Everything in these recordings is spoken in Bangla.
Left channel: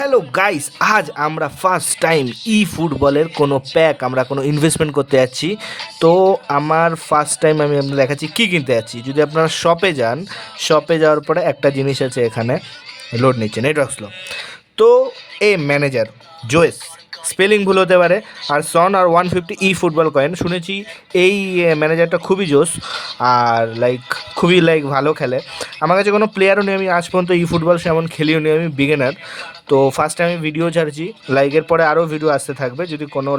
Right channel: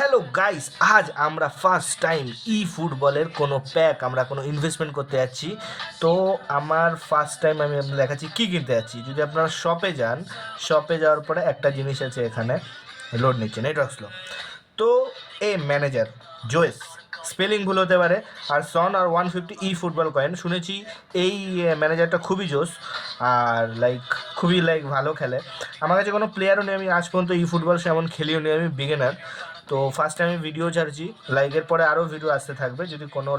হ্যালো গাইস, আজ আমরা ফার্স্ট টাইম ই ফুটবলের কোনো প্যাক আমরা কোনো ইনভেস্টমেন্ট করতে যাচ্ছি। তো আমার ফার্স্ট টাইম আমি আপনাদের দেখাচ্ছি কী কিনতে যাচ্ছি। যদি আপনারা শপে যান, শপে যাওয়ার পরে একটা জিনিস আছে, এখানে লোড নিচ্ছে, নেটওয়ার্ক স্লো। তো এ ম্যানেজার জোয়েস, স্পেলিং ভুল হতে পারে, আর সন আর 150 ই ফুটবল কয়েন শুনেছি। এই ম্যানেজারটা খুবই জোস, আর খুবই ভালো খেলে। আমার কাছে কোনো প্লেয়ারও নেই, আমি আজ পর্যন্ত ই ফুটবল সেমন খেলিও নি, আমি বিগিনার। তো ফার্স্ট টাইম আমি ভিডিও ছাড়ছি, এরপরে আরও ভিডিও আসতে থাকবে। যদি কোনো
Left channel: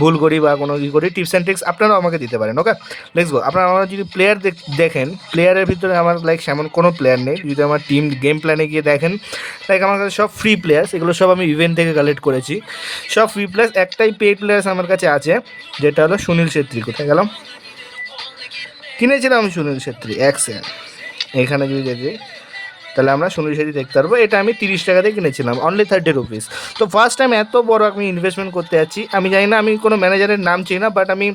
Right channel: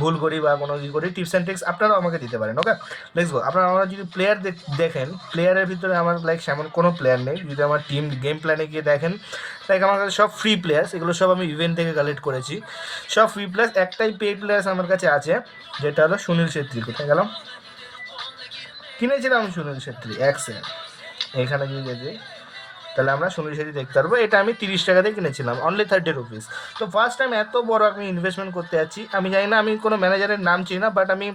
ভুল করি বা কোনো কী করি, টিপস অ্যান্ড ট্রিক্স আপনারাও আমাকে দিতে পারেন। ওকে, লেটস গো। আপনারা আমার যদি প্লেয়ার দেখেন, প্লেয়ারের ভিতরে আমার সেমন কোনো প্লেয়ার নেই। যদি আমার টিম গেম প্ল্যানে গিয়ে দেখেন, আমার কাছে সব ফ্রি প্লেয়ার্স, এগুলো সব আমি ইভেন্ট থেকে কালেক্ট করেছি, সব ফ্রি প্লেয়ার্স। একটাই পেড প্লেয়ার্স আমার কাছে আছে, যেটা হলো সুনীল ছেত্রী। কোথায় গেলাম, কিনেছিলাম আমি সুনীল ছেত্রী এখানে যদি দেখি, তাহলে আমরা সুনীল ছেত্রী দেখতে পারবো। এটা আমি 30 টাকাতে কিনেছিলাম, অনলি 30 রুপিস। তো ফার্স্ট টাইম এত বড় আমি ইনভেস্টমেন্ট করতে যাচ্ছি। আমি জানি না, আমি কোনো ম্যানেজারের নাম চিনি না, বাট আমি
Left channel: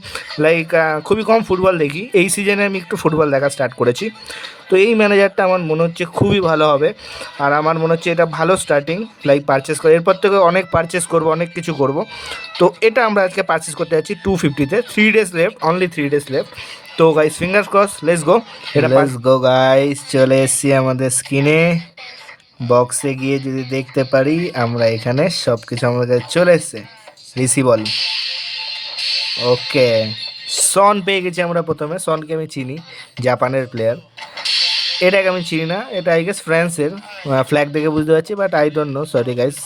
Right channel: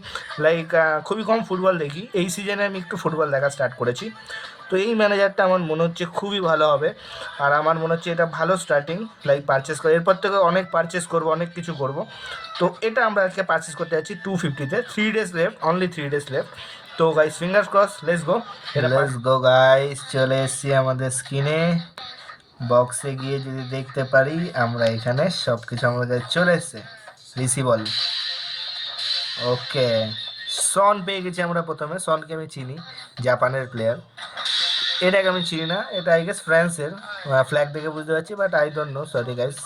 খুবই কম ফুটবল দেখি। এই সিজনে আমি একটু ফুটবল দেখা স্টার্ট করেছি। তো এই ম্যানেজারটা আমার মনে হচ্ছে খুবই ভালো হবে, আর আমার মনে হচ্ছে এটা ভালো স্টার্টিং পারচেস করে। এরপর থেকে অনেক পারচেস করব, অনেক কিছু করব। তো এটা আমরা আজকে পারচেস করতে যাচ্ছি 250-তে। 3 days left, only 3 days left. তো guys, fingers cross, let's go. Let's go guys, চলে এসেছি আমাদের স্ক্রিনে। বক্সে গিয়ে যদি দেখতে পারি, আমরা এখানে সব কিছু আমাদের কাছে চলে এসছে। রিসিবল, ওকে। সন পেয়ে গেছি আমরা প্রথমে। সনকে আমি চিনি, জাপানের প্লেয়ার। এটাকে আমি চিনি না, এটা আই গেস ফ্রান্সের। ফ্ল্যাগ দেখে বুঝতে পারছি, but I don't know, sorry guys.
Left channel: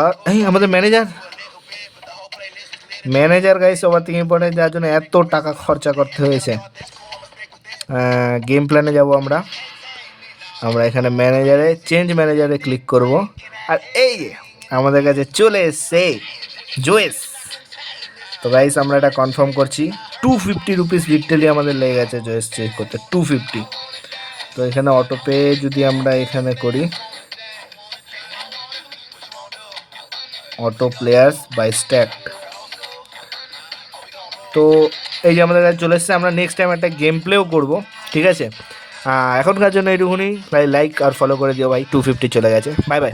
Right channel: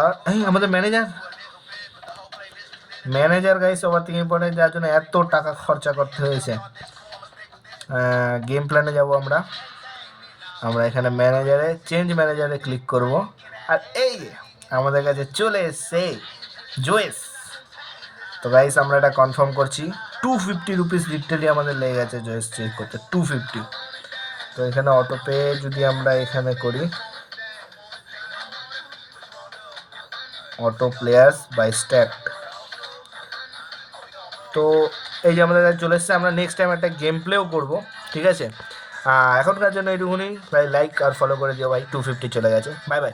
আর এই আমাদের ম্যানেজার, গাইস ওভার থেকে ইম্পর্টেন্ট, যার জন্য এত টাকা খরচা করতে হয়েছে। গেম প্ল্যানে যাব আমরা। আমরা এখানে ম্যানেজারে, চেঞ্জ ম্যানেজারে ক্লিক করব, আর এই যে আমাদের কাছে চলে এসছে জোয়েস। তো গাইস, আমরা এটা কনফার্ম করছি। 250 রুপিস লিটারালি আমাদের লেগে গেছে জোয়েস চেক করতে, 250। তো এখানে অটো পে যদি আমরা এখানে করি, অটো প্লেয়ার্স বাই স্ট্যাক। তো এই যে আমাদের কাছে চলে এসছে। আমরা নেক্সট টাইম একটা গেম প্লেও করবো, ঠিক আছে? এখনকার জন্য এইটুকুনি। লাইক আর ফলো করে দিও ভাই, 250 চলে গেছে। Bye bye.